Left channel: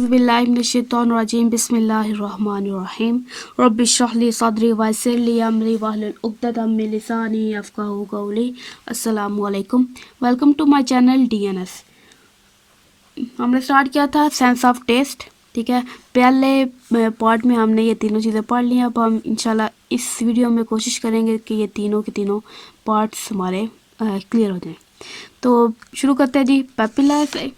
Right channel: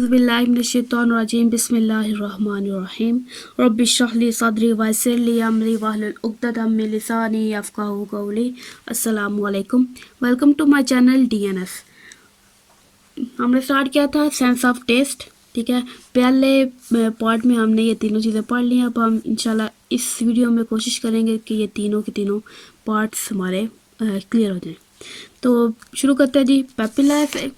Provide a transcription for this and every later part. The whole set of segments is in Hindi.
औज़ुबिल्लाहि मिनश्शैतानिर्रजीम बिस्मिल्लाहिर्रहमानिर्रहीम रब्बि इश्रह ली सदरी व यस्सिर ली अमरी वहलुल उक़दतम मिन लिसानी यफ़क़हू क़ौली। अस्सलामु अलैकुम, welcome to my channel DNS. हमने स्टार्ट किया था सेंस ऑफ टेस्ट, ठीक है। पहले पार्ट में हमने ये तीनों चीज़ें पढ़ ली। अब हम इंशाल्लाह इस वीडियो में कोशिश करेंगे कि ये तीनों के तीनों पार्ट्स हमारे क्लियर हो जाएं। तो शुरू करते हैं जी पेपिला से।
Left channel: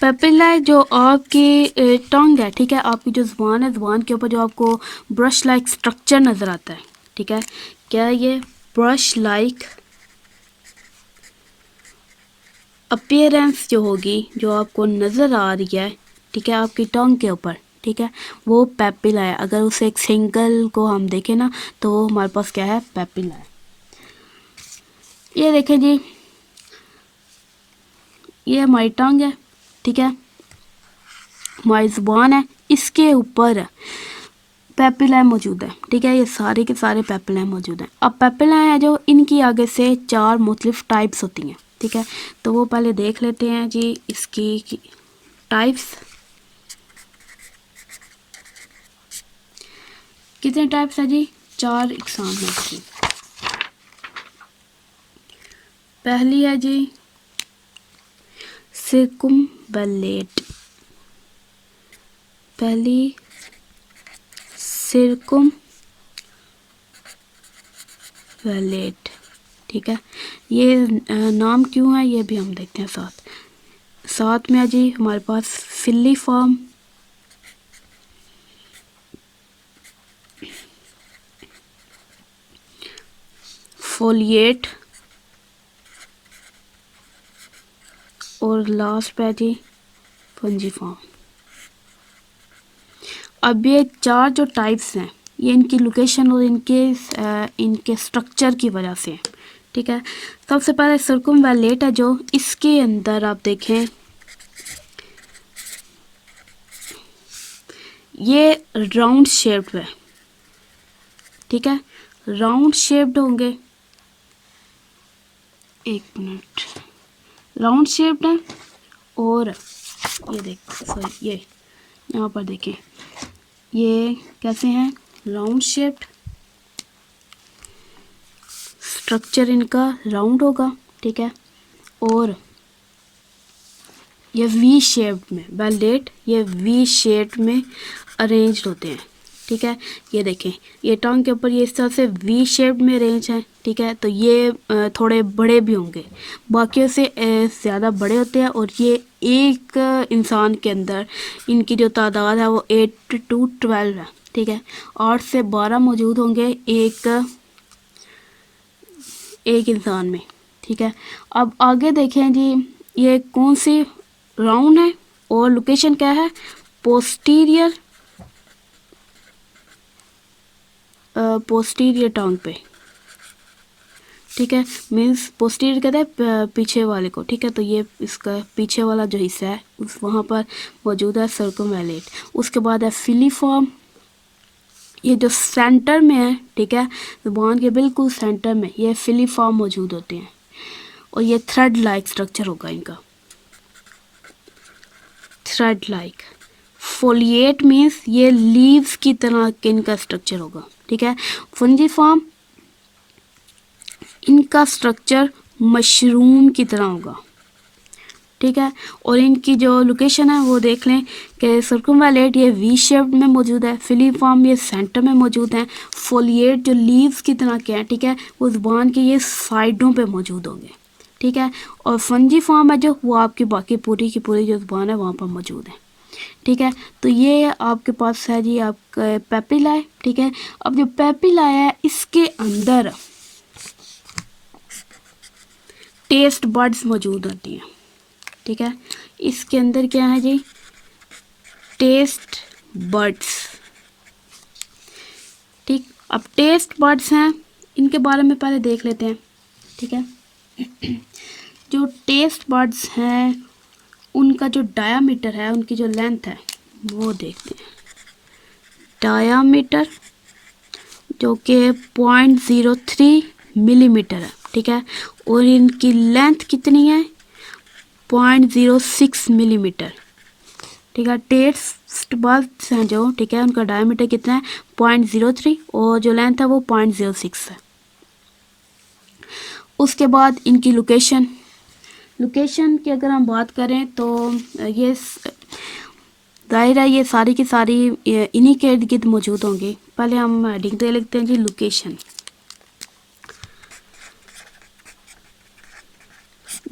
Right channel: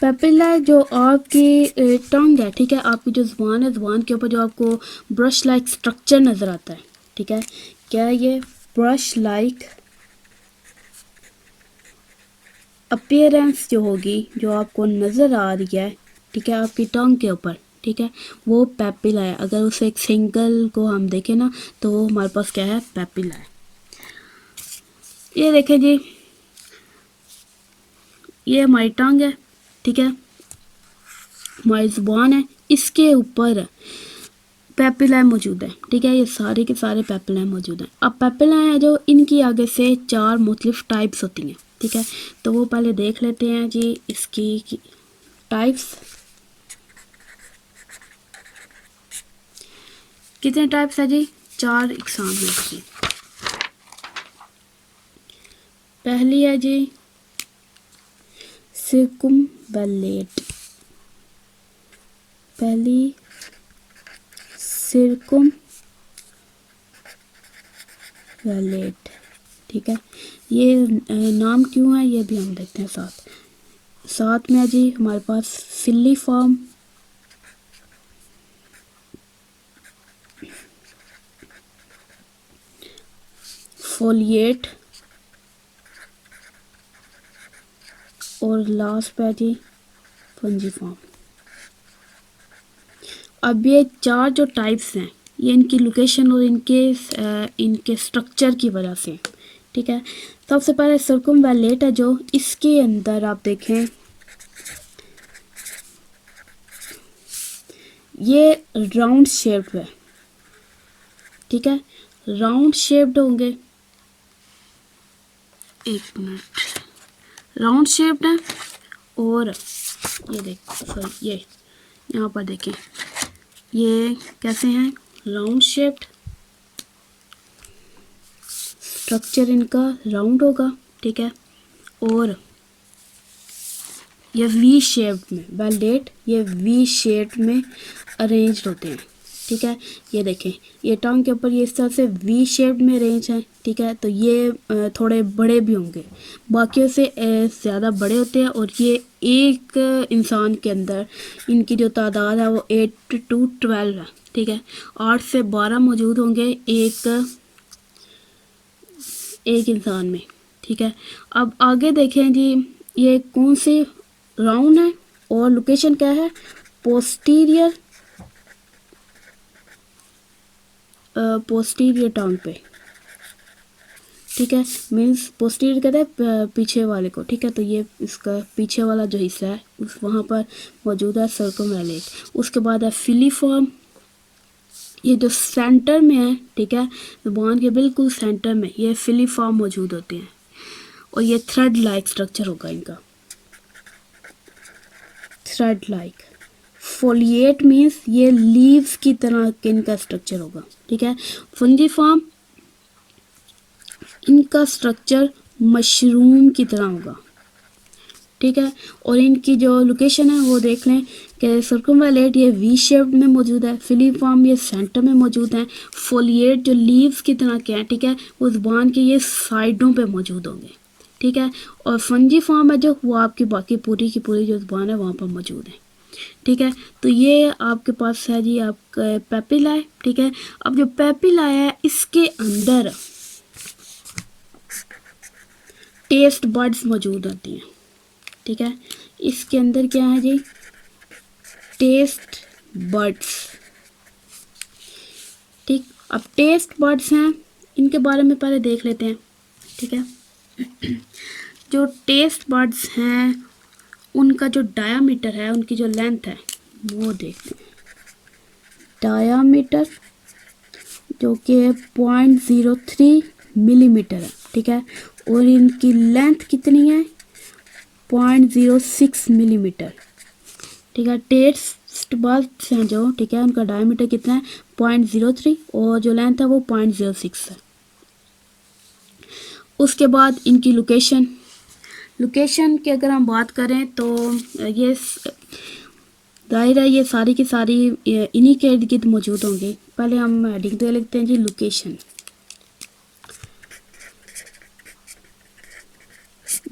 पेपिला जो आपकी टंग है, ठीक है, आपकी जो ज़ुबान है, ज़ुबान के ऊपर जो आपको ब्रश लाइक स्ट्रक्चर नज़र आता है, ठीक है, क्या है ये ब्रश लाइक अपीयरेंस जो होगी, जो आपको नज़र आ रही है, ठीक है, आपकी टंग के ऊपर, ठीक है, वो पेपिला है। अगर उसे एक सिंगल को हम देखें ना तो हमारे पास क्या है, पेपिला है। ये देखें जी, ये हमारी टंग है, ठीक है, हमारी ज़ुबान है, इसके ऊपर पेपिला मौजूद है, ठीक है, ये सारे के सारे पेपिला मौजूद हैं। अब पेपिला है जो इनकी आगे से चार मुख्तलिफ टाइप्स होती हैं, ठीक है, तो वो पहले देख लेते हैं जी इसकी टाइप्स। कितने टाइप्स है जी, चार इकसाम है जी। पहली है जी सिरकुम्वैलेट, पहली सिरकुम्वैलेट, ठीक है। ये नाम क्यों है ये भी हम देखते हैं साथ में है जी हमारे पास फिलीफॉर्म, फोलिएट और लास्ट पे है जी फंजीफॉर्म। अब ये चार जो टाइप्स हैं ये इनकी लोकेशन और इनके स्ट्रक्चर की वजह से, ठीक है। सबसे पहले सर्कुमवैलेट है जो इसके अंदर आप देखें ये राउंड शेप्ड है, ठीक है, राउंड शेप्ड होंगे, एक मिनट, राउंड शेप्ड है। और ये देखो ये यहाँ पर देखें ये कैसे हैं, राउंड शेप्ड, स्ट्रक्चर इनका राउंड होगा, ठीक है, और ये वी शेप्ड में वैलेट, ये वी शेप्ड में अरेंज होते हैं, ठीक है। ये देखें ये टंग के ऊपर ये इस तरह से वी शेप में अरेंज है, ठीक है, तो ये थोड़े बड़े भी होंगे, बाकियों से ज़्यादा बड़े होते हैं। और ये एक इंसान के अंदर इनकी जो तादाद है वो 8 to 12 है, ठीक है, 8 से 12 मौजूद होंगे एक इंसान में, ठीक है। अब आगे देखें जी ये कौन सी राउंड है और लोकेशन क्या है, पोस्टीरियर टंग पे, ठीक है, मीन्स पोस्टीरियर कहते हैं पीछे वाले को, ठीक है, तो ये इसका पीछे वाला जो हिस्सा है वहाँ पर मौजूद है सर्कुमवैलेट। उसके बाद है फिलीफॉर्म, ये जो सेंटर में है, ठीक है, ज़ुबान के बिल्कुल सेंटर में ये फिलीफॉर्म मौजूद होते हैं। और ये थ्रेड लाइक स्ट्रक्चर होगा इनका, थ्रेड लाइक। फोलिएट मीन्स ये लीव्स की तरह इनका स्ट्रक्चर होगा, ठीक है। फंजीफॉर्म इनका स्ट्रक्चर मशरूम की तरह होगा, ठीक है। और इनकी जो लोकेशन है वो देख लें कि सर्कुमवैलेट ये वी शेप में मौजूद है, फिलीफॉर्म ये सेंटर में मौजूद है, फोलिएट जो लीव्स की तरह के हैं, ठीक है, वो ज़ुबान के ये साइडों पे मौजूद होंगे, ठीक है। और फंजीफॉर्म है जो वो आपकी बाकी पूरी की पूरी जो ज़ुबान है वहाँ पर मौजूद है, ठीक है। तो ये आपके पास है जी आपका पेपिला है, ठीक है। अब जो पेपिला है इसके अंदर टेस्ट बड्स मौजूद होती हैं, ठीक है, इसके अंदर क्या है जी, टेस्ट बड्स, ठीक। अब टेस्ट बड्स हैं इनके बारे में पहले देख लेते हैं, ठीक है। जो टेस्ट बड्स हैं उनका जो डायामीटर है, उनकी जो लेंथ है वो देखते हैं। डायामीटर जो कि 0.03 मिलीमीटर है, ठीक है, और इनकी लेंथ कितनी है 0.06 मिलीमीटर। ठीक है, टेस्ट बड्स हैं जो, ठीक है, उनका डायमीटर कितना है 0.03 और जो लेंथ है वो 0.06 है। उसके बाद इनकी लोकेशन की अगर हम बात करें तो ये जाहिर है ये सारी की सारी इन्हीं के इर्द गिर्द मौजूद होंगी। पहले हम हेडिंग दे लिखते हैं जी लोकेशन।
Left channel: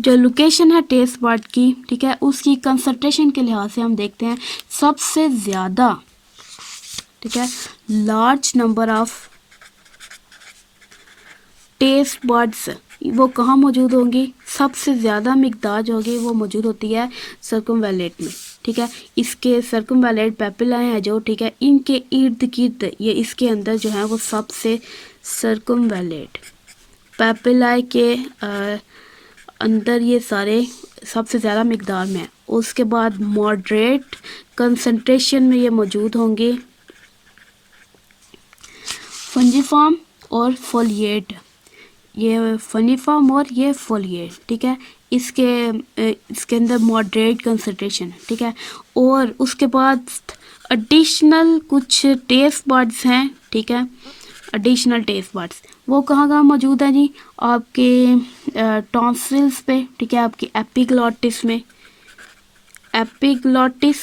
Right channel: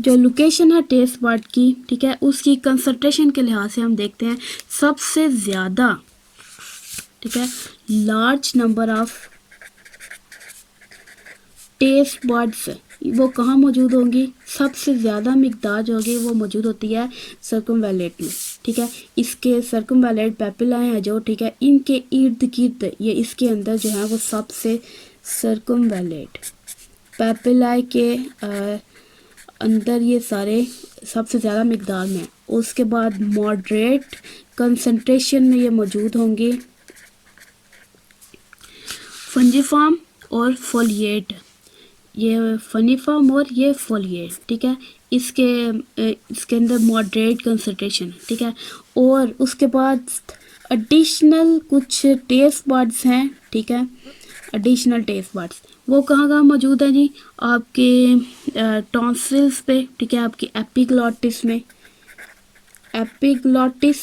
जो लोकेशन है टेस्ट बर्ड की, ठीक है, उसकी कंसंट्रेशन के लिहाज से हम देखते हैं सबसे ज़्यादा, ठीक है, large number of taste buds वो कहाँ मौजूद होंगी, सबसे ज़्यादा मिकदार जो होगी वो मौजूद होती है सर्कमवैलेट में। ठीक है, इसके सर्कमवैलेट पेपिलाए हैं जो, ठीक है, इनके इर्द गिर्द ये इसके अंदर जो है वो सबसे सर्कमवैलेट पेपिलाए के अंदर ये सारे सबसे ज़्यादा मिकदार में है। उसके बाद मॉडरेट कंसंट्रेशन में ये मौजूद होंगे फंजीफॉर्म और फोलिएट, ये फनीफॉर्म और ये फोलिएट। ठीक है, इसके अंदर मॉडरेट कंसंट्रेशन, ठीक है। और उसके बाद एडिशनल कुछ टेस्ट बर्ड्स हैं, ठीक है, एडिशनल टेस्ट बर्ड्स वो कहाँ कहाँ मौजूद है जी, आपके टॉन्सिल्स पे, ठीक है, आपकी एपिग्लॉटिस में, एपिग्लॉटिस,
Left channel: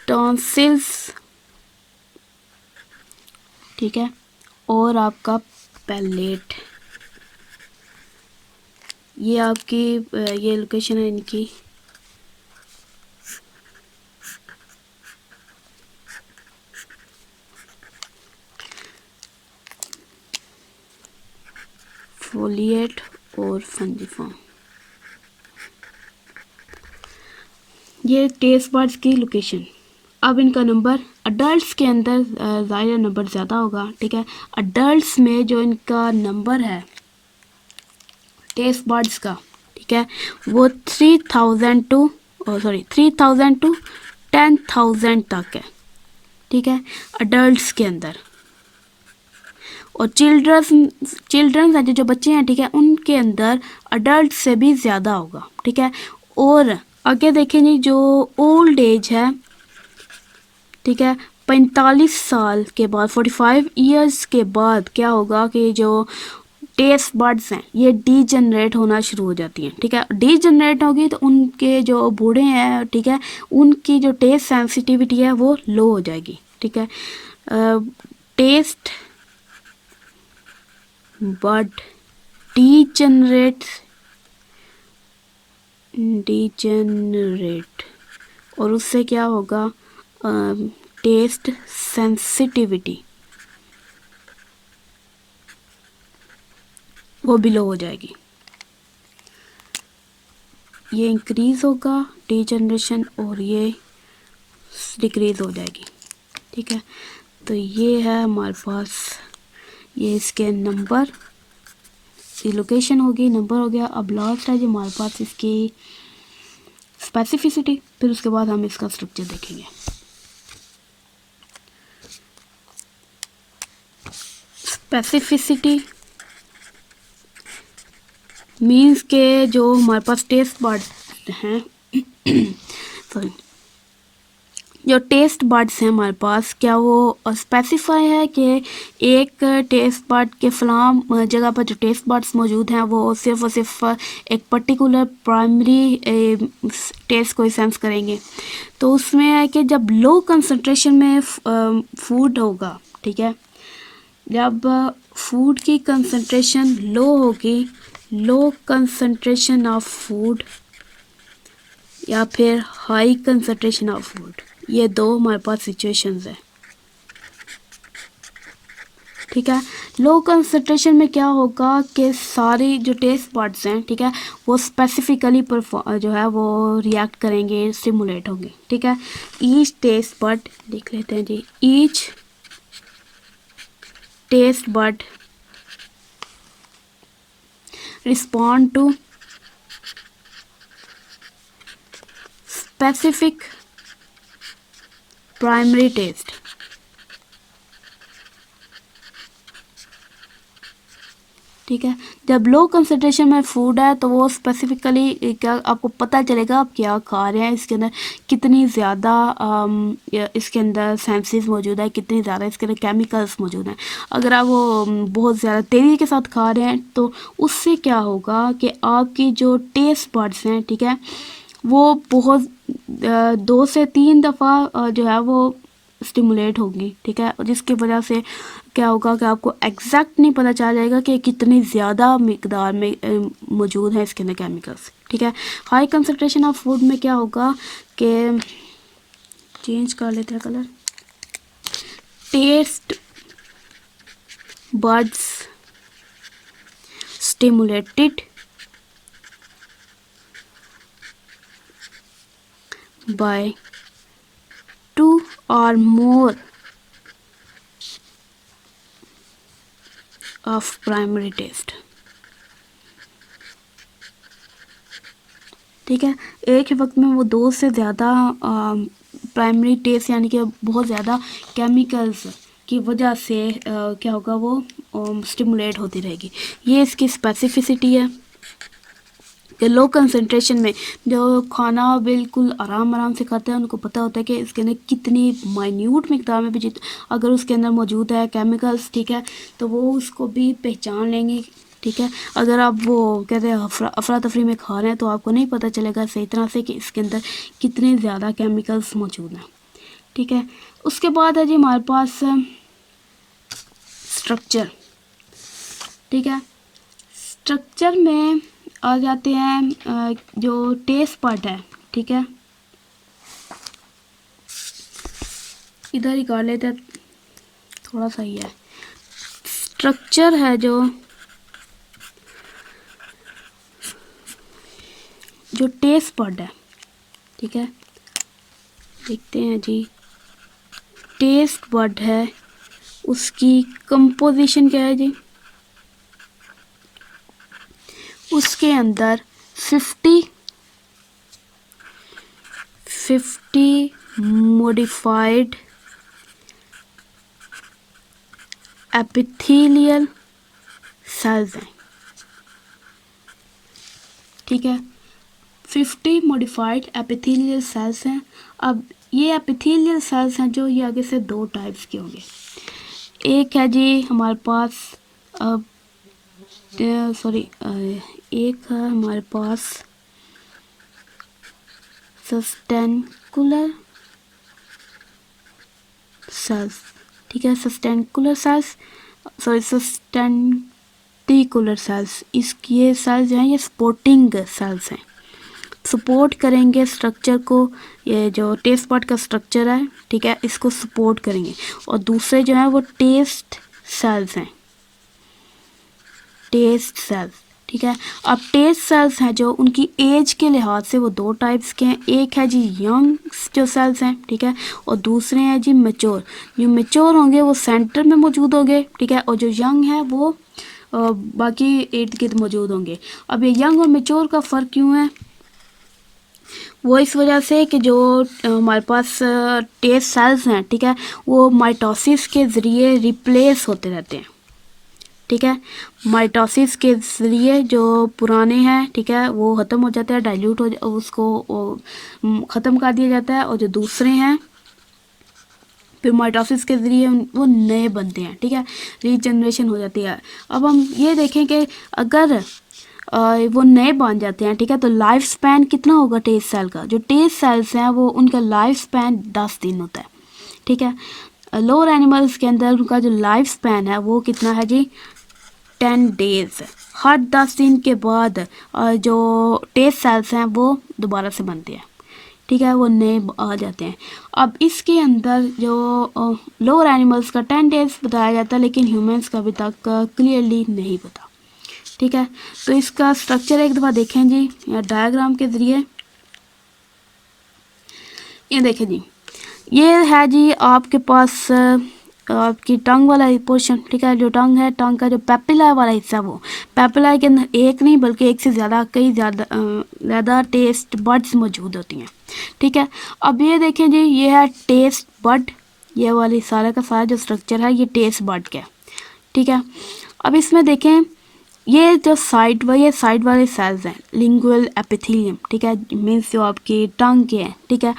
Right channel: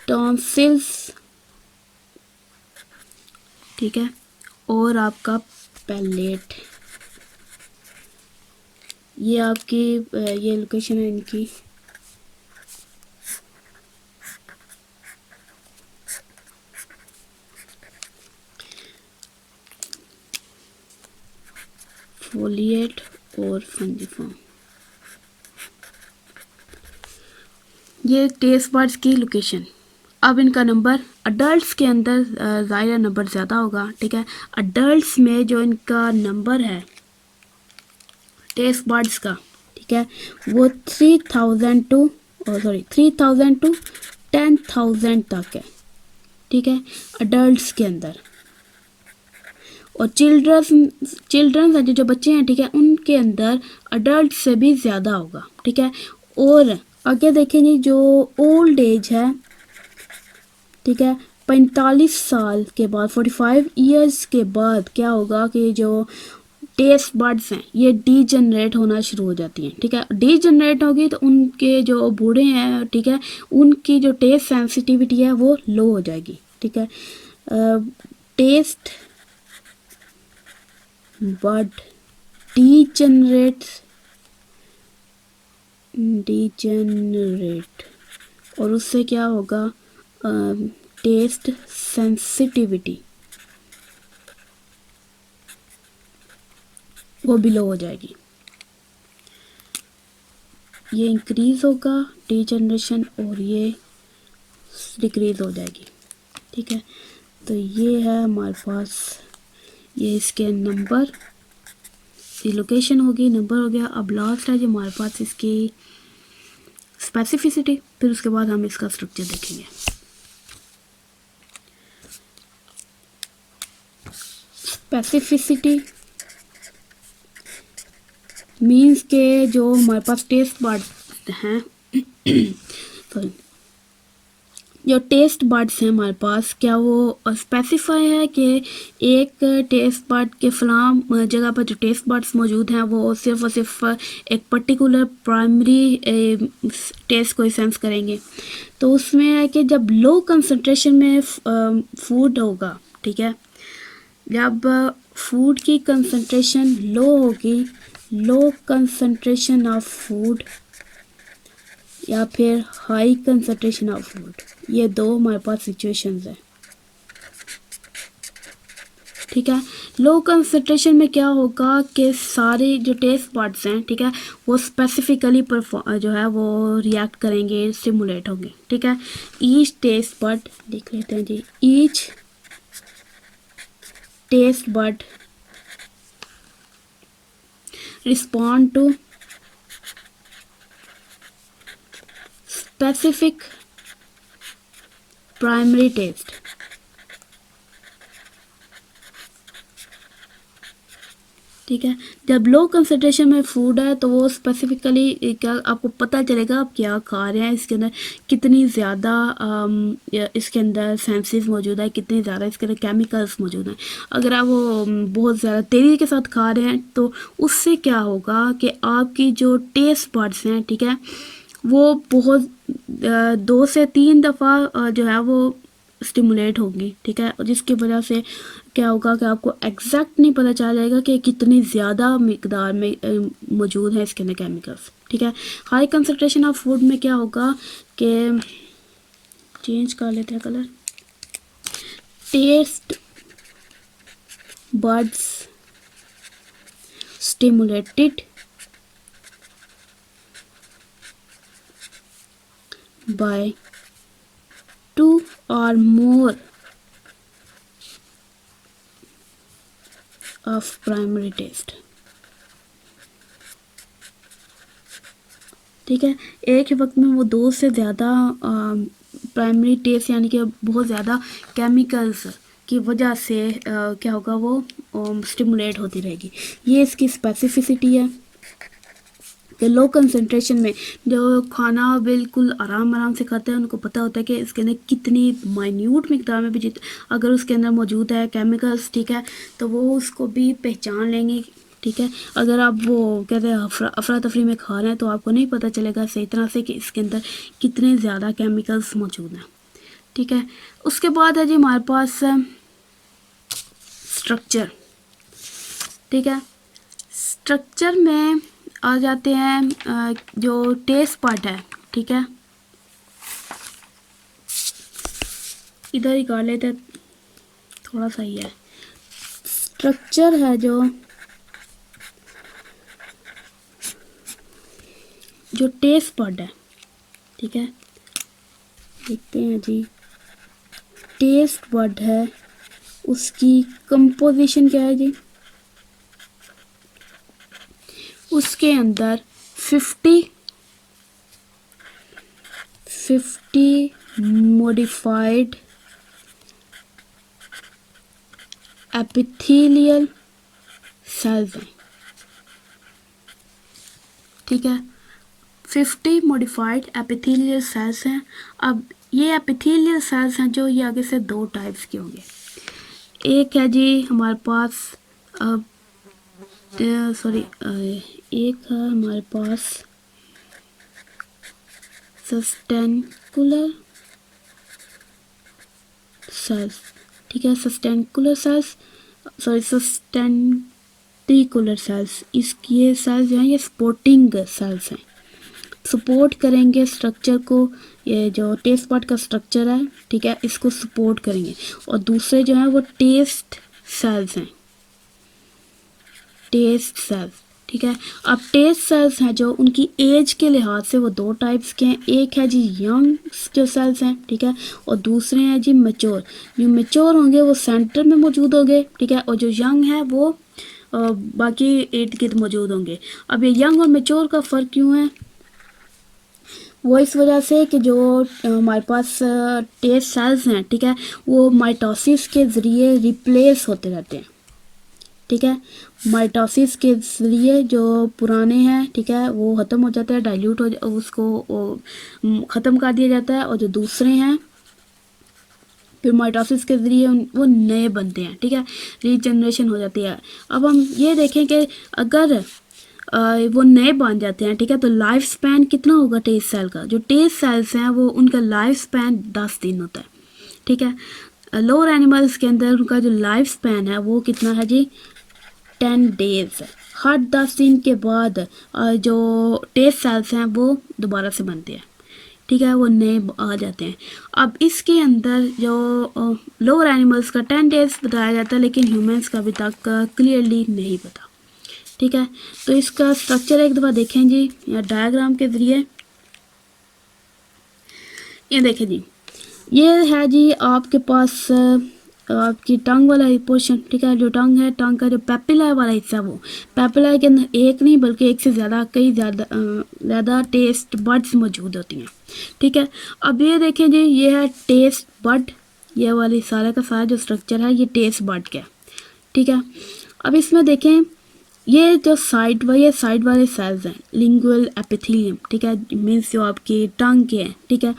टॉन्सिल्स, ठीक है, और आपका पैलेट। ये आपकी ये लोकेशन है इनकी। फोलिएट और फंजीफॉर्म, ये टेस्ट बर्ड्स की लोकेशन। अब इनका नंबर अडल्ट्स के अंदर ज़ाहिर नंबर ज़्यादा होगा। ठीक है, अडल्ट्स में जो इनका नंबर है टेस्ट बर्ड्स का, ठीक है, वो 3000 टू 10,000 तक है। ठीक है, अडल्ट्स के अंदर। और चिल्ड्रंस जो बच्चे हैं, ठीक है, उनके अंदर अडल्ट से भी ज़्यादा होगा। ठीक है, और आगे देखेंगे जो ओल्ड एज है, ठीक है, 45 साल के बाद 45 इयर्स के बाद क्या होगा कि जो टेस्ट बर्ड्स हैं ये डीजनरेट होना शुरू हो जाती हैं। ठीक है, डीजनरेट होगी तो उनके जो बूढ़े हैं, ठीक है, उनकी जो टेस्ट सेंसिटिविटी है वो लो हो जाएगी। ठीक है, टेस्ट बर्ड डीजनरेट और उससे क्या होगा, टेस्ट सेंसिटिविटी वो भी लो हो जाएगी। ये इंक्रीज होगा डीजनरेशन और ये डिक्रीज हो जाएगी। ठीक है, तो ये है हमारे पास, ये इसके नंबर, ये लोकेशन होगी, नंबर हो गया। अब लास्ट है जो हमारे पास इसकी स्पेसिफिसिटी, फिर उसके बाद हम इसका स्ट्रक्चर देखेंगे। स्पेसिफिसिटी मीन्स के जो हमारे पास टेस्ट बर्ड्स हैं सॉरी, जो टेस्ट बर्ड्स हैं हमारे पास, क्या वो स्पेसिफाई है कि एक टेस्ट बर्ड के फलां जगह पर जो टेस्ट बर्ड्स मौजूद हैं वो सिर्फ और सिर्फ एक पर्टिकुलर प्राइमरी टेस्ट को सेंस करेंगे। तो उसमें है कि जब लो कंसंट्रेशन में फूड होगा, ठीक है, जब फूड की कंसंट्रेशन लो होगी, लो कंसंट्रेशन ऑफ फूड या फिर हाई कंसंट्रेशन ऑफ फूड, ये दो हमारे पास सिचुएशंस है। ठीक है, लो कंसंट्रेशन में क्या होगा कि सारे जो टेस्ट बर्ड्स हैं, ठीक है, वो स्पेसिफिकली जो है वो रिएक्ट करेंगे, स्टिमुलेट होंगे। ठीक है, ईच टेस्ट बर्ड लिख लेते हैं जी, each taste bud respond to specific primary taste। ठीक है। जब लो कंसंट्रेशन में फूड है तो वो स्पेसिफिकली क्या आपको पता चलेगा आप क्या खा रहे हैं, इसके अंदर कितनी ज़्यादा इसके अंदर सेंसेस मौजूद है, कितनी ज़्यादा इसके अंदर केमिकल्स मौजूद हैं। अगर आप वो बहुत ज़्यादा तेज़ी के साथ खा रहे हैं तो उससे क्या होगा कि आपकी जो टेस्ट बड्स हैं, ठीक है, वो बहुत 2 से 3 दफ़ा जो है वो स्टिमुलेट होगी, ठीक है, जिसकी वजह से क्या होगा कि आपको एग्जैक्ट नहीं पता चल जाएगा कि कितनी ज़्यादा मिकदार में मौजूद है इसके अंदर केमिकल्स, ठीक है। हाई कंसंट्रेशन ऑफ फूड में क्या होगा कि चेंज कर लेते हैं colour, taste buds stimulated by 2 or more of primary taste, ठीक है। एक ही वक्त में वो 2 से ज़्यादा प्राइमरी टेस्ट यानी कि बहुत ज़्यादा केमिकल्स की वजह से क्या होगा वो स्टिमुलेट होती रहेगी। ये इसकी स्पेसिफिसिटी है कि लो कंसंट्रेशन में जो खाना बिल्कुल आराम आराम से खाते हैं उनको पता होता है कि इसके अंदर कितनी माइन्यूट मिकदार में भी अगर उसके अंदर मौजूद है केमिकल्स, ठीक है, तो वो उसको भी पहचान लेंगे, ठीक है। अगर आप वो कहते हैं अफरा तफरी में खा रहे हैं तो आपको नहीं पता चलेगा सही तरह से कि इसके अंदर कितने ज़्यादा केमिकल्स मौजूद हैं, ठीक है। उसके बाद है जी हमारे पास स्ट्रक्चर, ठीक है। स्ट्रक्चर में आ जाते हैं जो टेस्ट बड है, ठीक है, इधर ही कर लेते हैं, थोड़ा सा ही है। स्ट्रक्चर है जो टेस्ट बड है, ठीक है, देखते हैं जी। टेस्ट बड है, उसकी कंपोजिशन क्या है जी, उसके अंदर 50 मॉडिफाइड एपिथेलियल सेल्स हैं, ठीक है। 50 मॉडिफाइड एपिथेलियल सेल्स हैं। अब ये एपिथेलियल सेल्स हैं जो ये आगे से 2 टाइप्स के होंगे। एक है जी हमारे पास एक है हमारे पास सस्टेंकुलर सेल्स, ठीक है, सस्टेंकुलर सेल्स, ये सेल्स जो हैं ये सपोर्टिंग सेल्स हैं, सपोर्ट करेंगे स्ट्रक्चर को, ये जो टेस्ट बड का स्ट्रक्चर है, ठीक है, इसको सपोर्ट करेंगे। और दूसरे जो हैं वो टेस्ट सेल्स हैं, टेस्ट सेल्स, ठीक है। अब टेस्ट सेल्स हैं जो उनकी एज के लिहाज से वो 2 टाइप्स के हैं। एक है जी यंग जो सेल्स हैं, ठीक है, और दूसरे हैं जी मैच्योर। जो मैच्योर होंगे वो सेंटर में मौजूद होंगे, ठीक है, और जो यंग है वो बाकी इर्द गिर्द मौजूद होंगे। अब ये यंग और मैच्योर का फ़र्क क्यों है, वो इस वजह से कि जो हमारे पास टेस्ट सेल्स हैं, ठीक है, वो माइटोसिस के ज़रिए रिप्लेस होते रहते हैं, ठीक है। माइटोसिस के ज़रिए जो पुराने हैं, ठीक है, वो ख़त्म हो जाते हैं, डाइल्यूट हो उसको ख़त्म कर दिया जाता है, और जो दूसरे हैं फिर माइटोसिस के ज़रिए वो नए बनते हैं, ठीक है, रीजनरेशन हो जाती है। अब हम ये देखें कि अगर वो नए बन जाते हैं, ठीक है, तो लाइफ स्पैन कितना होगा टेस्ट सेल का, जो टेस्ट सेल्स हैं वो उनका लाइफ स्पैन 10 दिन होता है, ठीक है। लोअर एनिमल्स के अंदर उनका जो लाइफ स्पैन है वो कितना है जी 10 डेज। हर 10 दिन के बाद जो टेस्ट सेल्स हैं वो दोबारा से बनते हैं, ठीक है, वो नए आ जाते हैं। अब इसके अंदर जो लोअर एनिमल्स का 10 डेज बताया जाता है, लेकिन ह्यूमंस का अभी तक क्लियरली नहीं पता, ठीक है। तो इसका स्ट्रक्चर एक दफ़ा देखें जी या डायग्राम के ज़रिए। ये देखें जी, ये है जी आपके पास आपकी टंग वाला पोर्शन, ठीक है, जो टंग है, टंग का जो पेपिला वाला हिस्सा, वो पेपिला के अंदर एक नहीं बल्कि एक से ज़्यादा कई ज़्यादा टेस्ट बड्स मौजूद होती हैं, ठीक है। अब ये देखें जी, ये है टेस्ट बड, ये वाली सारा का सारा जो स्ट्रक्चर है ये टेस्ट बड का, ठीक है। अब इसमें देखें ये जो साइड वाले सेल्स हैं लिंगुअल एपिथेलियम, ठीक है, मीन्स जो आपके टंग के हैं, ठीक है।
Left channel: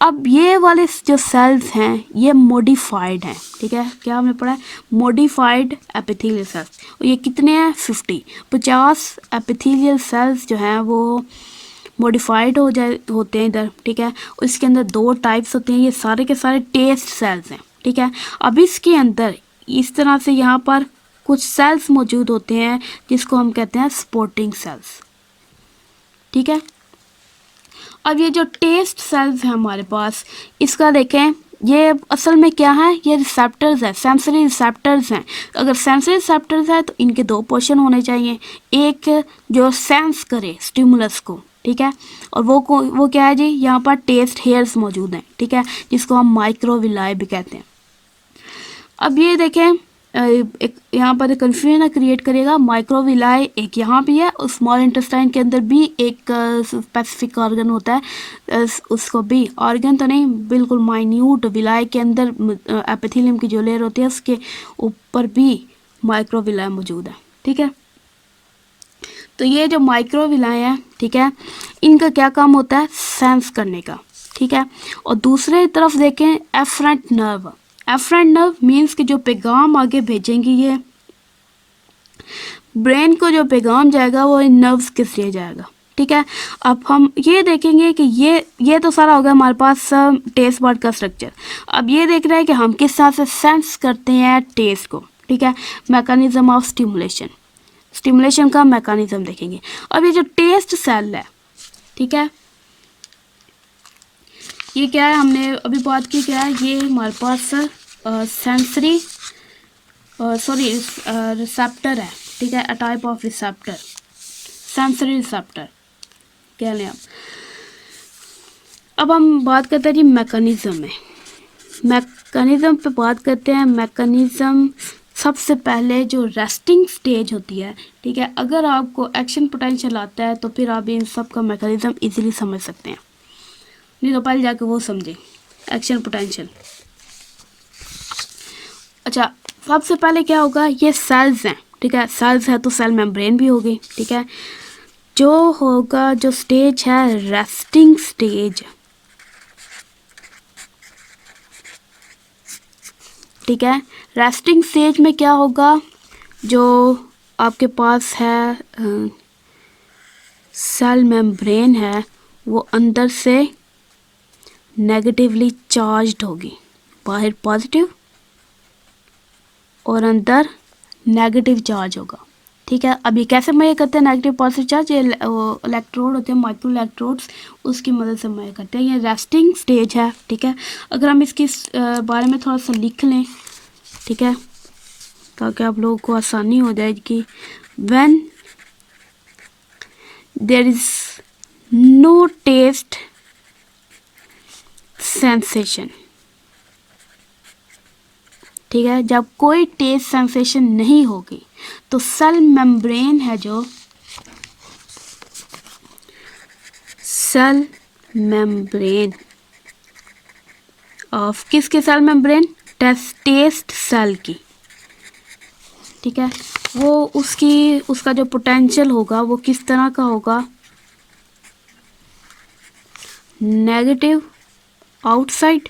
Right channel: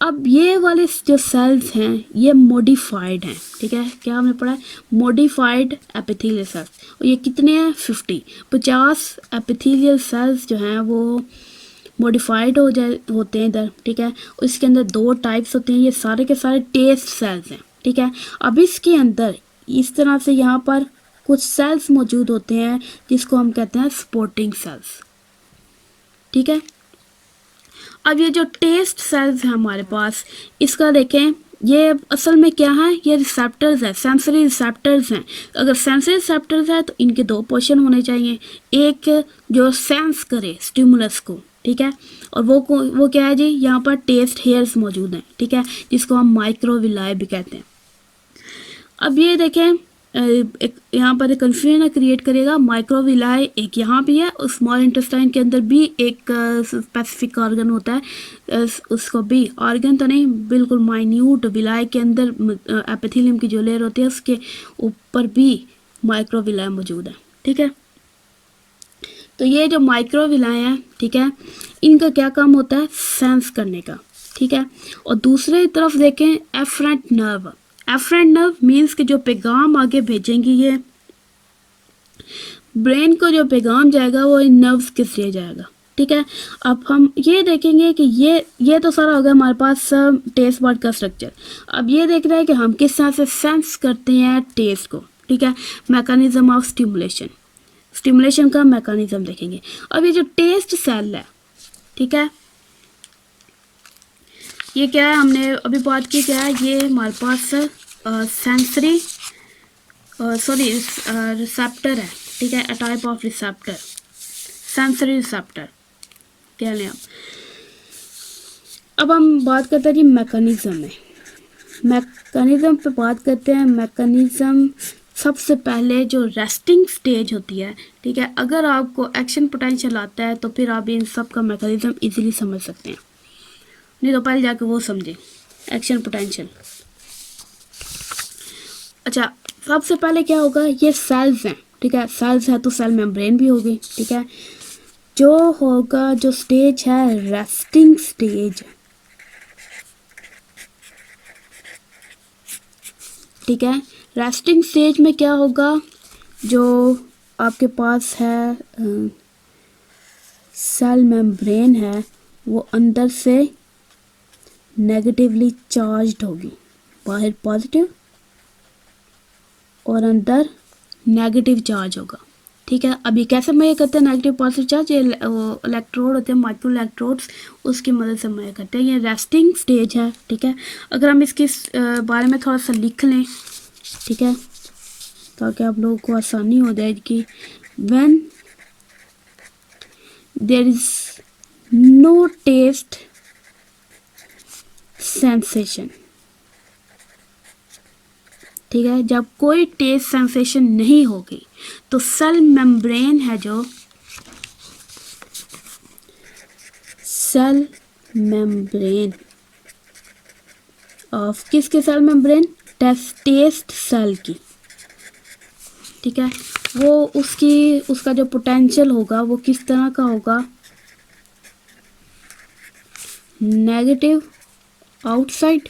अब ये वाले जो सेल्स हैं ये मॉडिफाइड हैं, ठीक है, क्या हमने पढ़ा है, मॉडिफाइड एपिथेलियल सेल्स। ये कितने हैं, 50 एपिथेलियल सेल्स जो हैं वो मॉडिफाइड होते हैं इधर, ठीक है। इसके अंदर 2 टाइप्स होते हैं, ये सारे के सारे टेस्ट सेल्स हैं, ठीक है। अब इसके अंदर इस तरह से यहाँ पर कुछ सेल्स मौजूद होते हैं जिसको हम कहते हैं सपोर्टिंग सेल्स, ठीक है। अब ये जो टेस्ट सेल्स हैं हमारे पास, इसका देखें, ये असल में क्या है, ये रिसेप्टर्स है, सेंसरी रिसेप्टर्स हैं। अगर सेंसरी रिसेप्टर्स है तो इनके 2 पोर्शन होने चाहिए, एक जो सेंस करे स्टिमुलस को, ठीक है, और वो क्या है जी, यहाँ पर टेस्ट हेयर्स मौजूद हैं, ठीक है, जिसको हम माइक्रोविलाई भी कहते हैं। अब ये देखें, एक यहाँ पर कंफ्यूजन क्रिएट करेगा, माइक्रोविलाई एक यहाँ भी है और स्मॉल इंटेस्टाइन के अंदर भी एक स्पेसिफिक ऑर्गन होता है, उसको भी ऑर्गन तो नहीं, बिल्कुल माइन्यूट विलाई के अंदर एपिथेलियम की जो लेयर होती है उसके ऊपर भी माइक्रोविलाई मौजूद है, ठीक है। तो ये जो माइक्रोविलाई है, ठीक है, इनका क्या काम होता है, सेंस करने का, ठीक है। और दूसरे तरफ देखें afferent nerve, afferent nerve means कि जो पैगाम आगे भेजेंगी, ये ब्रेन को जो पैगाम जाएगा वो इन नर्व्स के जरिए जाएगा, ठीक है। अब हम ये देखेंगे कि ये तो सारा होगा हमारे पास टेस्ट बर्ड का स्ट्रक्चर। अब ये देख रहे हैं कि हम किस तरह से सेंस करते हैं टेस्ट को, ठीक है, मैकेनिज्म ऑफ स्टिमुलेशन का मैकेनिज्म देखेंगे। अब ये जो टेस्ट सेल है, ठीक है, ये क्या है, हमने अभी बात की, क्या है, ये हमारे पास सेंसरी रिसेप्टर है, ठीक है, a type of receptor, sensory receptor कह लें आप। अब हम बात करते हैं जी मैकेनिज्म में, मैकेनिज्म पे बात करते हैं। मैकेनिज्म सबसे पहले जो रेस्टिंग स्टेज होती है, ठीक है, अगर आपको एक्शन पोटेंशियल आता है तो फिर आप इन सब का मैकेनिज्म इजीली समझ सकते हैं, नहीं तो पहले जाके वो समझें एक्शन पोटेंशियल। अच्छा, सबसे पहले क्या होगा, ये सेल्स हैं, ठीक है, सेल्स है तो सेल मेम्ब्रेन भी होगी, ठीक है। जो होगा, जो स्टेज है रेस्टिंग स्टेज, ठीक है, रेस्टिंग स्टेज में क्या होगा, जो आपके पास है सेल मेम्ब्रेन है वो अंदर से नेगेटिवली चार्ज्ड होगी, बाहर पॉजिटिव और अंदर नेगेटिव चार्ज होगा, ठीक है। अभी कैसे मेजर करते हैं नेगेटिव पॉजिटिव चार्ज, ये इलेक्ट्रोड होते हैं, माइक्रो इलेक्ट्रोड्स, उसकी मदद से मेजर करते हैं। ये रेस्टिंग स्टेज है, ठीक है। अगर हम इसके बारे में थोड़ा सा लिख लें, ठीक है, ताकि आप लोगों को आसानी हो जाएगी। When there is no taste sensation, ठीक है, जब कोई टेस्ट सेंसेशन नहीं होगी तो सेल मेम्ब्रेन है, जो सेल मेम्ब्रेन ऑफ किसके सेल मेम्ब्रेन, टेस्ट सेल की, ठीक है, वो उसका जो पोटेंशियल होगा वो किस तरह का होगा, negative outside,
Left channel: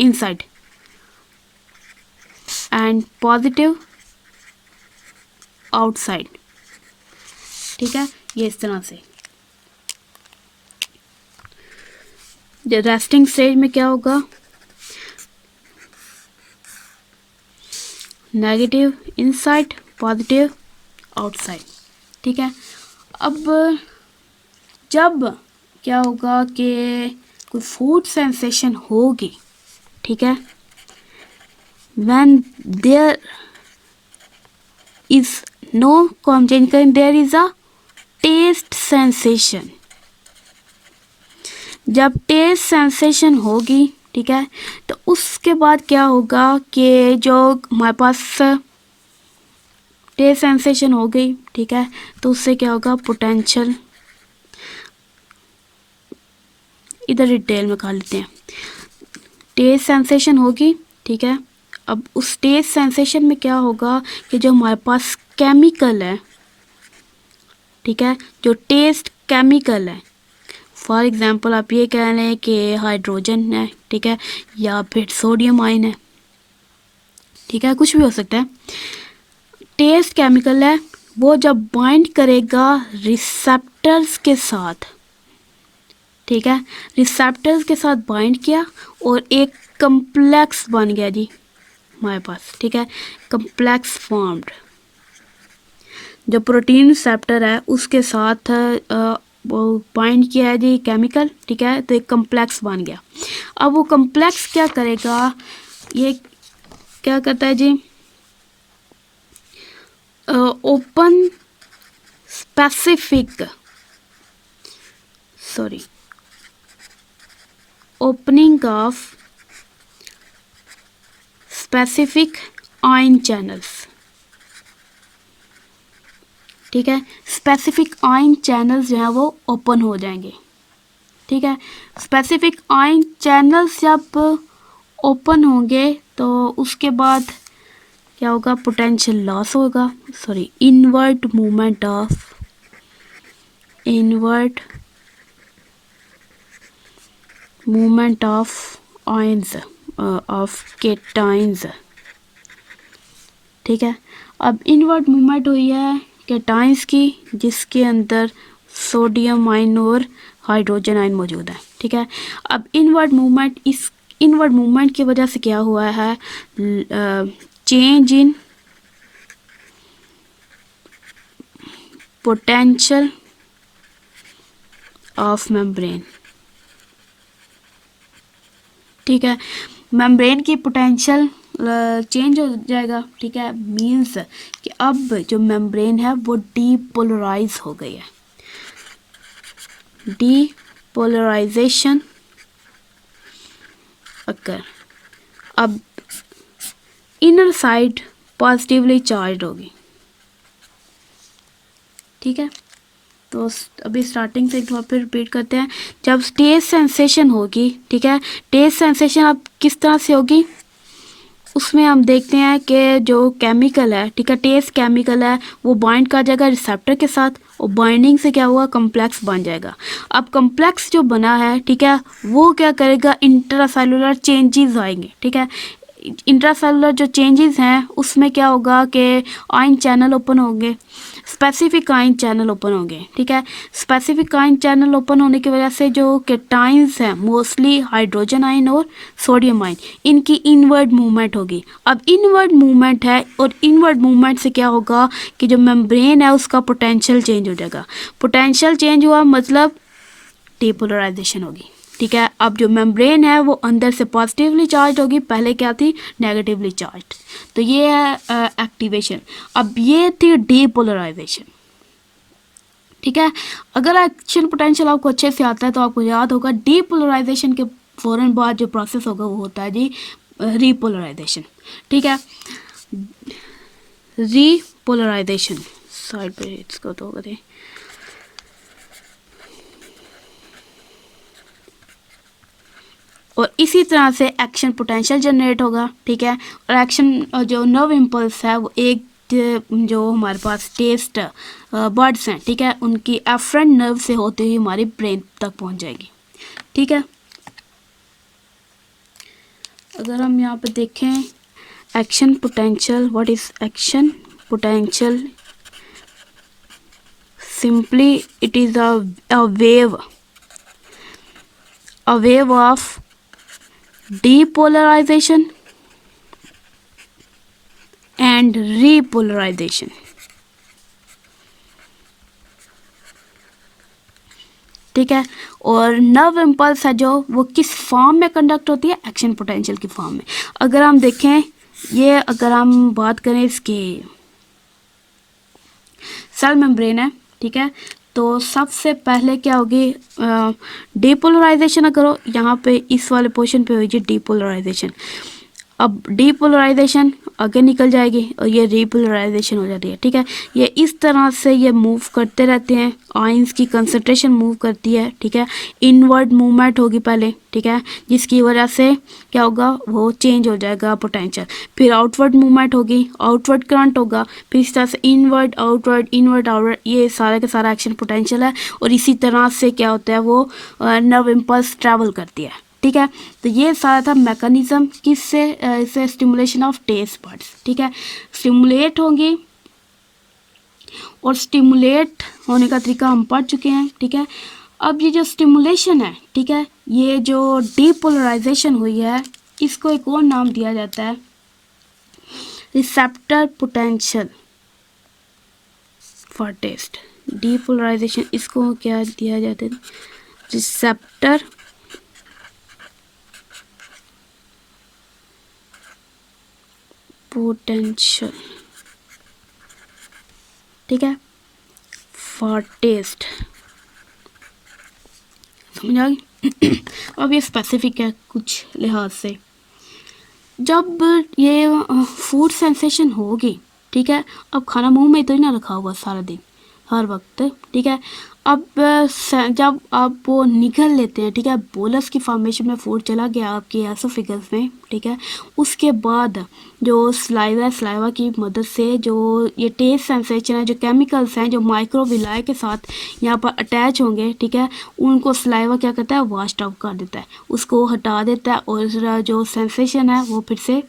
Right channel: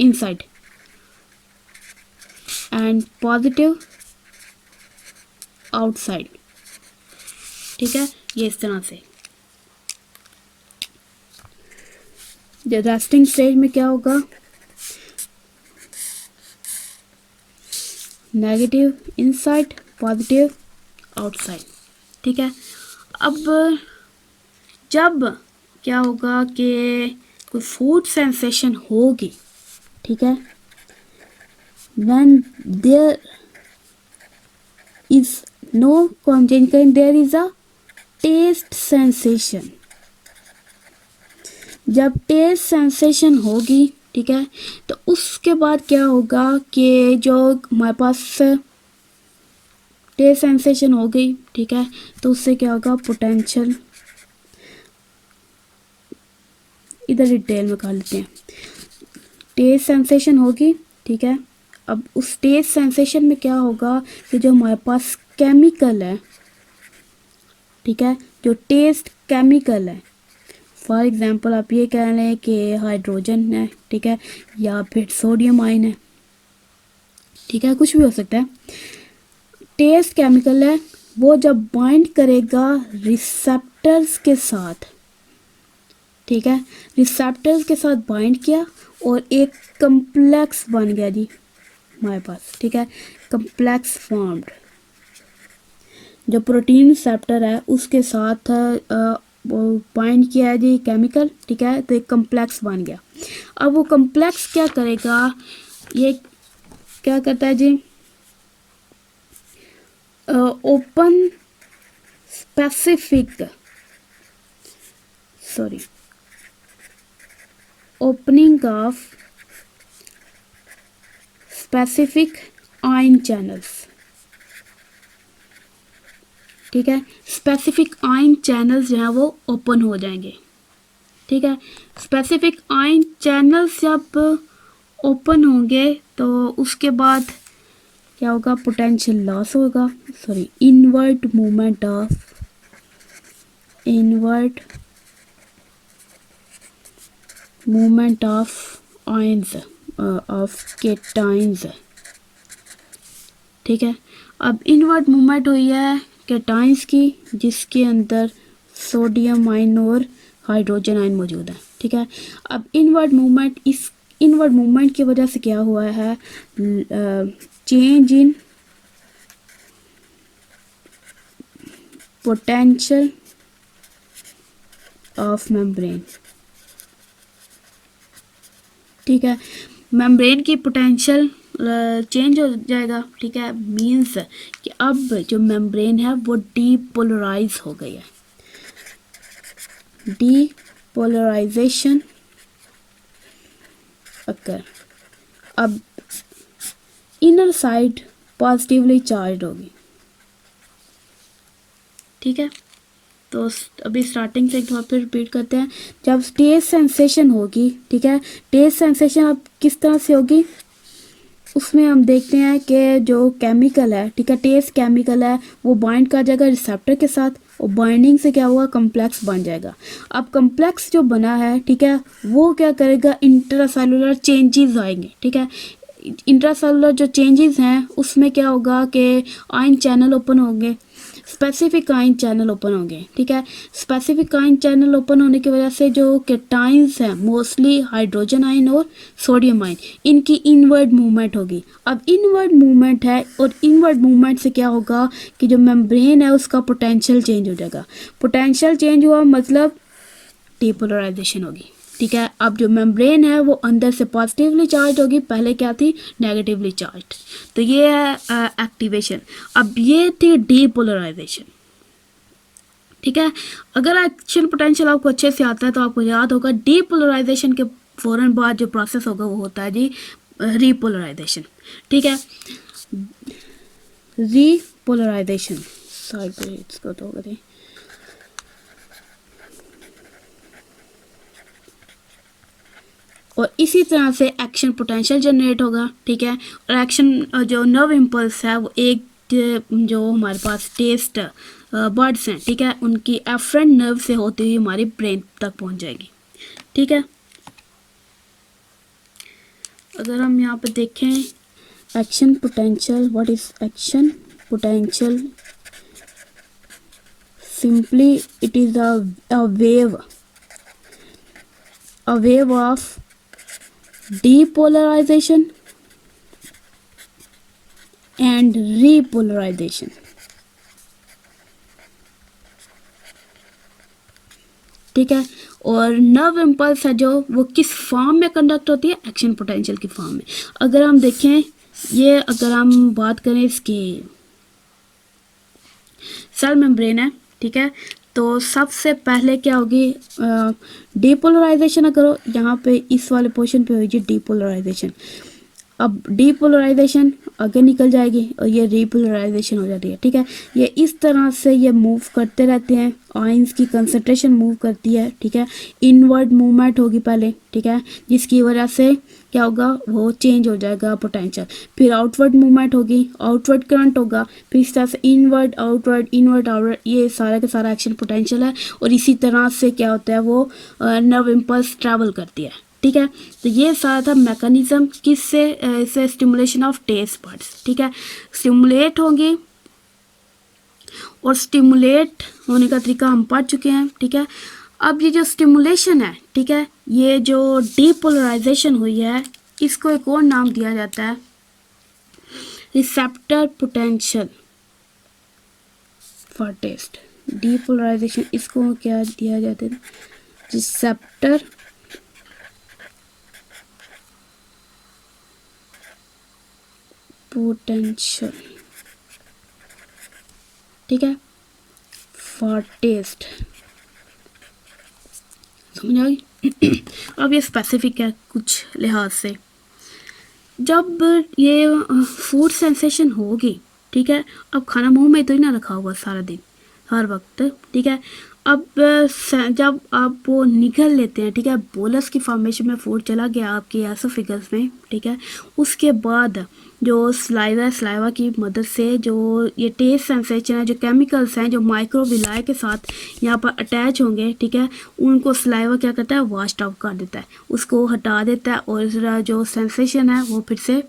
inside, and positive outside, ठीक है। ये इस तरह से रेस्टिंग स्टेज में क्या होगा, नेगेटिव इनसाइड, पॉजिटिव आउटसाइड, ठीक है। अब जब क्या होगा कि कोई फूड सेंसेशन होगी, ठीक है, when there is no conjunction, there is a taste sensation। जब टेस्ट सेंसेशन होगी, ठीक है, तो उसके बाद क्या होगा कि जो हमारे पास टेस्ट सेंसेशन हो गई, ठीक है, तो उससे क्या होगा, पोटेंशियल, इधर डिटेल में कर लेते हैं। टेस्ट सेंसेशन होगी, ठीक है। अब उस टेस्ट सेंसेशन में क्या होगा कि जो हमारे पास केमिकल है, ठीक है, जो टेस्ट केमिकल है, फॉर एग्जांपल आप ये कह लें कि हाइड्रोजन है, ठीक है, या फिर सोडियम आयन है, ठीक है, कुछ भी हो सकता है। टेस्ट केमिकल है, वो जब बाइंड करेगा रिसेप्टर्स के साथ, ठीक है, रिसेप्टर्स के साथ बाइंड किया और एक कम्प्लेक्स बन गया जी हमारे पास, ठीक है, कम्प्लेक्स फॉर्म्ड। जो प्रोटीन रिसेप्टर है उसके साथ वो बाइंड किया है जी केमिकल, ठीक है, तो एक कम्प्लेक्स बन गया। अब वो कम्प्लेक्स क्या करेगा, ये क्या करता है जी, open specific opening of specific ion channels, ठीक है, स्पेसिफिक आयन चैनल्स जो हैं वो ओपन हो जाएंगे, ठीक है। स्पेसिफिक आयन चैनल्स जब ओपन होंगे तो उसके बाद क्या होगा, पोटेंशियल लॉस होगा, inward movement of ions of cations, ठीक है। अब इनवर्ट मूवमेंट हुई है केटाइंस की, जिसके अंदर सोडियम आयन और हाइड्रोजन आयन मौजूद है, ठीक है। अब इनवर्ट मूवमेंट की वजह से क्या हुआ है, change in potential of membrane, ठीक है, मेम्ब्रेन की पोटेंशियल चेंज हो जाएगा, ठीक है, मीन्स कि अब जो मेम्ब्रेन है वो डीपोलराइज हो गई है, डीपोलराइजेशन अकर। अब इनर साइड पॉजिटिवली चार्ज होगी, ठीक है। तो अभी स्टार्टिंग से एक बार फिर रिपीट करते हैं। जब टेस्ट सेंसेशन होगी, ठीक है, टेस्ट सेंसेशन अब किस तरह से होगी, उसमें हम देखते हैं कि जो केमिकल है, ठीक है, टेस्ट केमिकल है, वो बाइंड कर जाएगा रिसेप्टर के साथ और बाइंडिंग से क्या हुआ, कम्प्लेक्स बन जाएगा। अब कम्प्लेक्स जो बना है, ठीक है, वो क्या करेगा, इंट्रासेलुलर चेंजेस आएंगे, ठीक है। इंट्रासेलुलर जो चेंजेस हैं उसमें क्या होगा कि आयन चैनल ओपन होंगे, स्पेसिफिक आयन चैनल ओपन होंगे, ठीक है। स्पेसिफिक आयन चैनल ओपन होने की वजह से जो केटाइंस हैं, मोस्टली हाइड्रोजन आयन और सोडियम आयन, इनकी इनवर्ड मूवमेंट होगी। अब इनवर्ड मूवमेंट है और इनवर्ड मूवमेंट से क्या होगा कि जो मेम्ब्रेन है उसका पोटेंशियल चेंज हो जाएगा। पोटेंशियल चेंज हुआ मतलब डीपोलराइजेशन होगी, ठीक है। अब जो मेम्ब्रेन है वो अंदर से पॉजिटिवली चार्ज होगी, पहले क्या थी, नेगेटिवली चार्ज। तो ये है एक्टिवेशन। अब ये थी डीपोलराइजेशन, ठीक है। अगर एक्शन पोटेंशियल आपको अच्छे से आता है तो आपको याद होगा डीपोलराइजेशन के फौरन बाद जो प्रोसेस होगा वो होता है जी रीपोलराइजेशन, ठीक है। रीपोलराइजेशन साइड पे इसको तो करें, और इसी तरह से एक्शन पोटेंशियल जनरेट होगा, ठीक है। और एक्शन जो नर्व इम्पल्स है वो एक जो हमारे पास टेस्ट बर्ड्स हैं, ठीक है, उनकी एफरेंट नर्व से होते हुए हमारे ब्रेन तक पहुंच जाएगी, ठीक है। अगर हम यहाँ पे देखें action potential, what is action potential, simply it is a wave of depolarization and repolarization, ठीक है। और नर्व इम्पल्स है जो वो किस फॉर्म में कंडक्ट होती है, एक्शन पोटेंशियल की फॉर्म में। अगर हम देखें ये, अगर हम बात करें इसकी सेल मेम्ब्रेन है, ठीक है, तो सबसे पहले क्या होगी, डीपोलराइजेशन। अगर यहाँ पे इस वाले पोर्शन पे होगी डीपोलराइजेशन। अब डीपोलराइजेशन आगे निकल जाएगी और ये रीपोलराइजेशन हो जाती है। ठीक है, ये इस तरह से ये मूव करते रहते हैं, आयंस की कंसंट्रेशन मूव करती है। ठीक है, इनवर्ड मूवमेंट होगी पहले, ठीक है, जिसकी वजह से क्या होगा, वो चेंज हो जाएगा पोटेंशियल। फिर आउटवर्ड मूवमेंट होगी, आउटवर्ड करंट होगा, फिर इस तरह से इनवर्ड आउटवर्ड, इनवर्ड आउटवर्ड, ये सारा का सारा एक्शन पोटेंशियल है। और इसी तरह से क्या होता है, वो नर्व इम्पल्स ट्रैवल करती है। ठीक है, तो ये सारा था मैकेनिज्म किससे, इससे स्टिमुलेशन ऑफ टेस्ट बड्स। ठीक है, स्टिमुलेट होंगी और स्टिमुलेट होने का तरीका हम पढ़ चुके हैं। ठीक है, अब ये जो स्टिमुलेशन है, ठीक है, ये जो डीपोलराइजेशन हुई है, इसको एक और नाम दिया जाता है receptor potential for taste. Depolarisation इसको क्या दिया जाता है, रिसेप्टर पोटेंशियल। ठीक है, फॉर टेस्ट, समझ आ गई। अब ये स्पेसिफिक है कुछ लिहाज से। जब ये फूड सेंसेशन होगी, ठीक है, अब खाना मुंह में तो ही ना रखा हुआ सारा दिन हर वक्त। ठीक है, अब जब आप वो निगल लेते हैं, ठीक है, बोलस की फॉर्मेशन में फूड चला गया आपके एसोफेगस में। ठीक है, उसके बाद जो स्लाइवा की मदद से जो ये टेस्ट सेंसेशन है, जो केमिकल्स हैं जो माइक्रोविलाई के साथ यहाँ पर अटैच होंगे, ठीक है, उनको स्लाइवा क्या करता है, वॉश आउट कर देता है, उसको हटा देता है, और जो सेंसेशन है वो फिर से,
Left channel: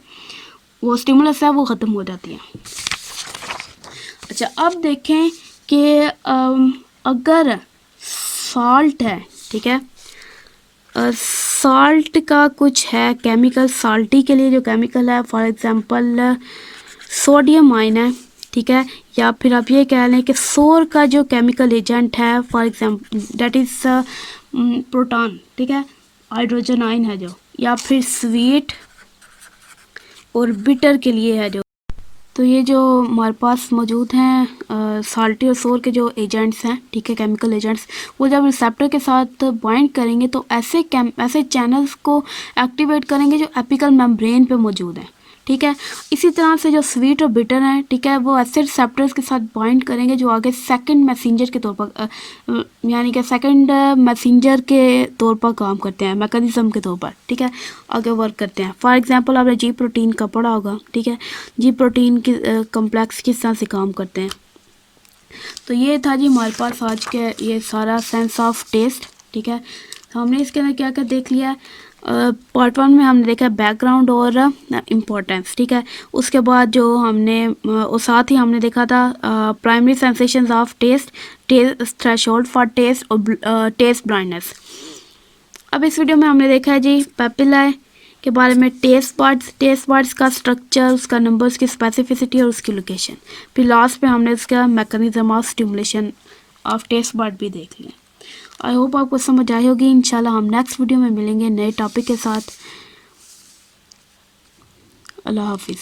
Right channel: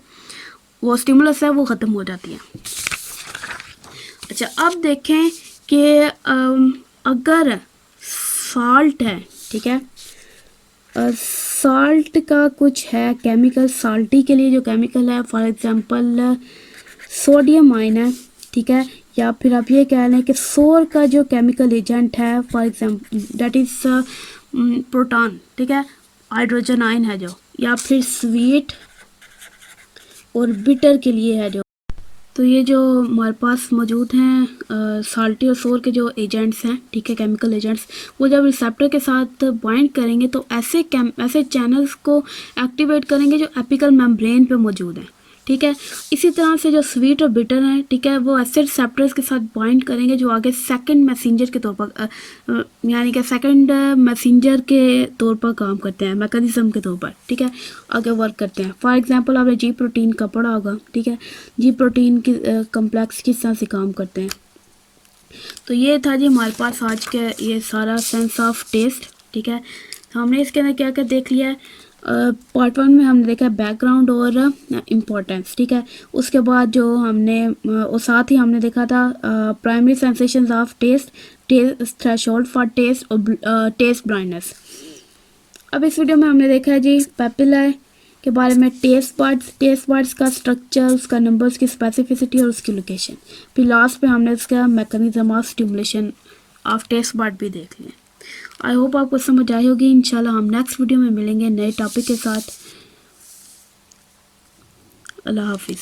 वो स्टिमुलस है वो ख़त्म हो जाती है। अच्छा, अब देखें कि अगर सॉल्ट है, ठीक है, सॉल्ट का कुछ है केमिकल, सॉल्टी के लिए जो केमिकल है, फॉर एग्जांपल सोडियम आयन है। ठीक है, या फिर आप ये कह लें कि सोर का जो केमिकल एजेंट है, for example that is proton. ठीक है, हाइड्रोजन आयन है जो, या फिर स्वीट और बिटर के लिए है जो। तो ये जो हमारे पास मौजूद हैं साल्टी और सोर के जो एजेंट्स हैं, ठीक है, केमिकल एजेंट्स, वो जब रिसेप्टर के साथ बाइंड करेंगे तो ऐसे चैनल्स को एक्टिवेट करेंगे जो एपिकल मेम्ब्रेन पे मौजूद हैं। ठीक है, इसी तरह से जो स्वीट और बिटर हैं, ठीक है, वो ऐसे रिसेप्टर्स के साथ बाइंड करेंगे जो आगे सेकंड मैसेंजर के तौर पर, यानी कि सेकंड मैसेंजर के तौर पर काम करते हैं, मैकेनिज्म के तौर पर। ठीक है, आगे वर्क करते हैं। फॉर एग्जांपल आपने जी प्रोटीन का पढ़ा होगा। ठीक है, जी प्रोटीन की कम्प्लेक्स किस तरह से काम करते हैं। तो ये था जी हमारे पास आज के ये सारा सेंस ऑफ टेस्ट। ठीक है, तो हमने इसके अंदर क्या क्या देख लिया है। पार्ट 1 में हमने देखा बैकग्राउंड और इम्पोर्टेंस। ठीक है, उसके बाद जो हमने और साथ ही हमने देखा था primary sensations of taste, threshold for taste और टेस्ट ब्लाइंडनेस। अब इस वीडियो में हमने देखा है जी पेपिला के बारे में, टेस्ट बर्ड्स का स्ट्रक्चर, उसका नंबर, उसकी स्पेसिफिसिटी और उसकी लोकेशन। फिर लास्ट पे हमने उसका mechanism of stimulation of taste bud भी देख लिया। आई होप आपको समझ आई होगी। इंशाल्लाह हम नेक्स्ट वीडियो में मिलेंगे नए टॉपिक के साथ। अल्लाह हाफिज़।